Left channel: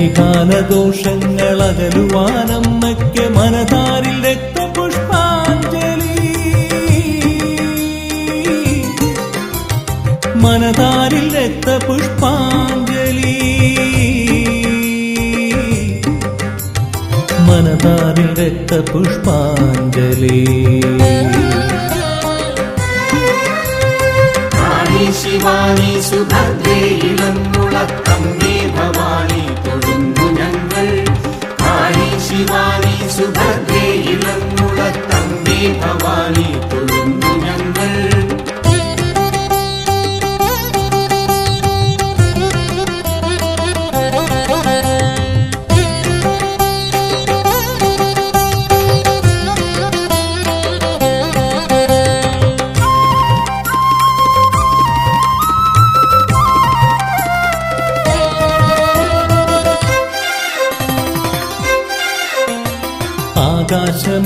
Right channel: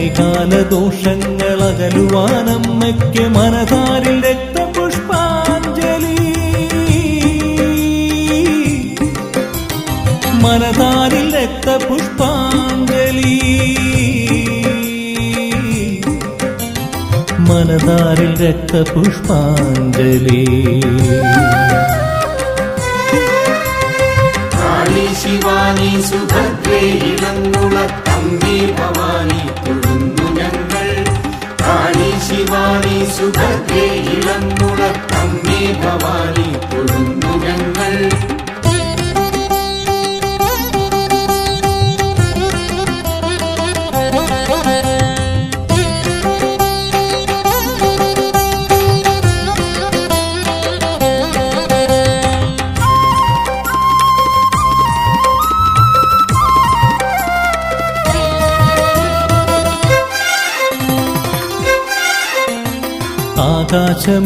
കലികാല ദോഷങ്ങൾ അകലുവാനമ്മയ്ക്ക് മനധാരിൽ രക്തപുഷ്പാഞ്ജലി. മനധാരിൽ രക്തപുഷ്പാഞ്ജലി. മനധാരിൽ രക്തപുഷ്പാഞ്ജലി. ശിവാനി സുഭദ്രേ കാളി ശിവാനി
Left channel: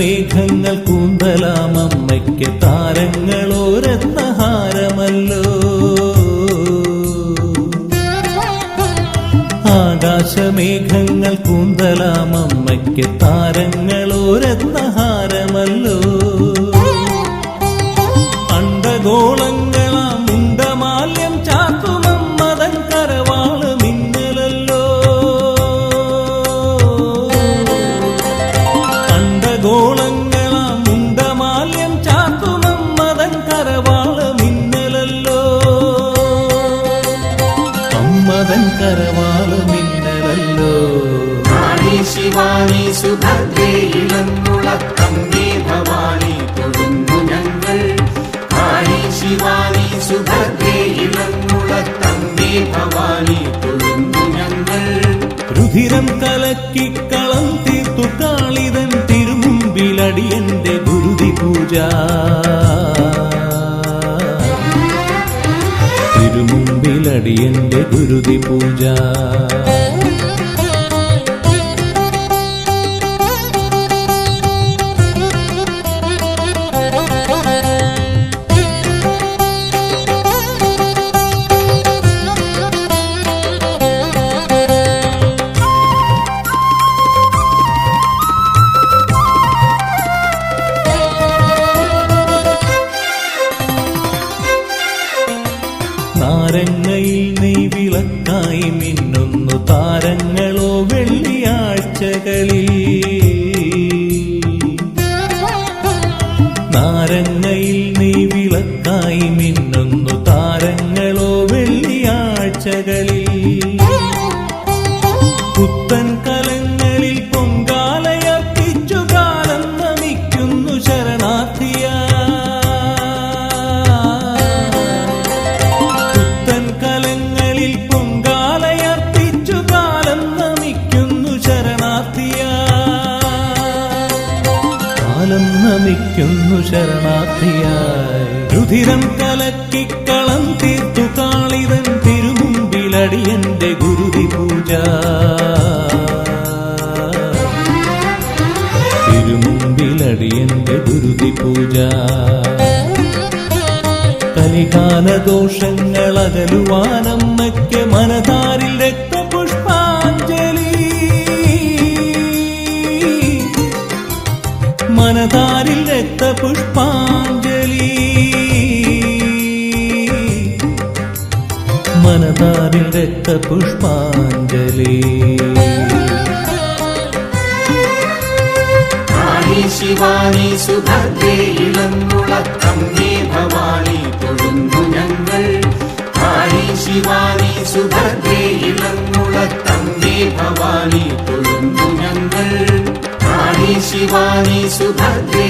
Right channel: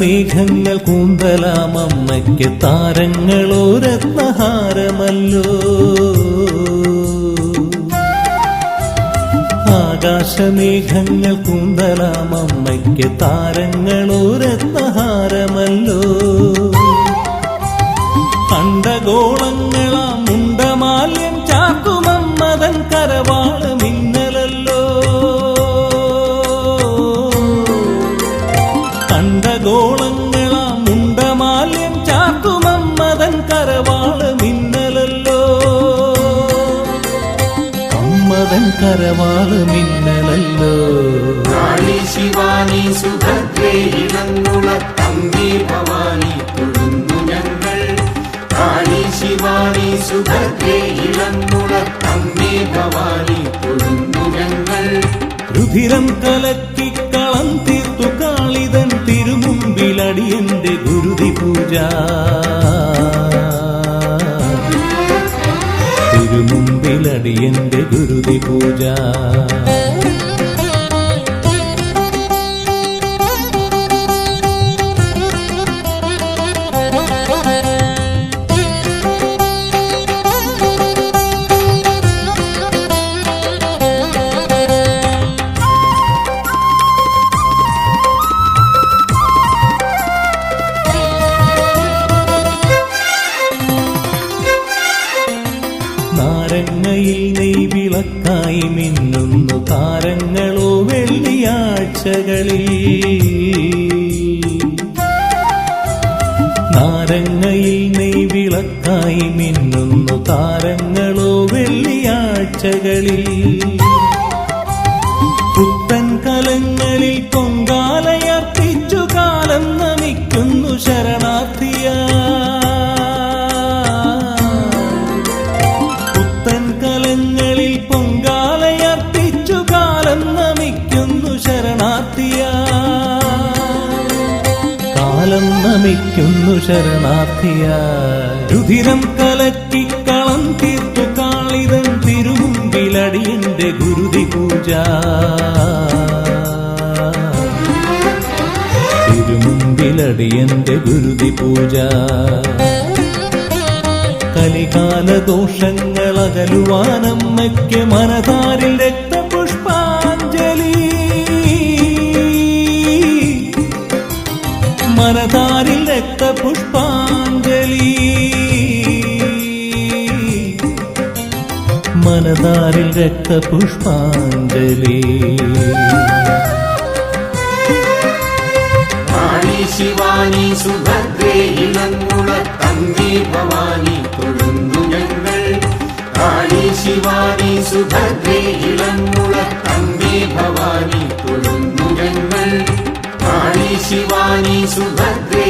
ആകാശമേഘങ്ങൾ കൂന്തലാമമ്മയ്ക്ക് താരങ്ങളോരത്തഹാരമല്ലോ ആകാശമേഘങ്ങൾ കൂന്തലാമമ്മയ്ക്ക് രുധിരം കലക്കിക്കളം തീർത്തു കാളിതൻ തിരുമുമ്പിലടിയന്റെ ഗുരുതി പൂജ തിരുമുമ്പിലടിയന്റെ ഗുരുതി പൂജ വിളക്കായി മിന്നുന്നു താരങ്ങളോ വെള്ളിയാഴ്ചകളിൽ. പുത്തൻ കലങ്ങളിൽ പൊങ്കാലയർപ്പിച്ചു കാലം നമിക്കുന്നു ശരണാർത്ഥിയ പുത്തൻ കലങ്ങളിൽ പൊങ്കാലയർപ്പിച്ചു കാലം നമിക്കുന്നു ശരണാർത്ഥിയ കാലം നമിക്കുന്നു ശരണാർത്ഥിയ രുധിരം കലക്കിക്കളം തീർത്തു കാളിതൻ തിരുമുമ്പിലടിയന്റെ ഗുരുതി പൂജ. തിരുമുമ്പിലടിയന്റെ ഗുരുതി പൂജ. കലികാല ദോഷങ്ങൾ അകലുവാനമ്മയ്ക്ക് മനധാരിൽ രക്തപുഷ്പാഞ്ജലി. മനധാരിൽ രക്തപുഷ്പാഞ്ജലി രക്തപുഷ്പാഞ്ജലി ശിവാനി സുഭദ്രേ ഇളങ്കുളത്തമ്മി ഭവാനി തൊഴുന്നു ഞങ്ങൾ കാളി ശിവാനി സുഭദ്രേ ഇളങ്കുളത്തമ്മി ഭവാനി തൊഴുന്നു ഞങ്ങൾ കാളി ശിവാനി സുഭദ്രേ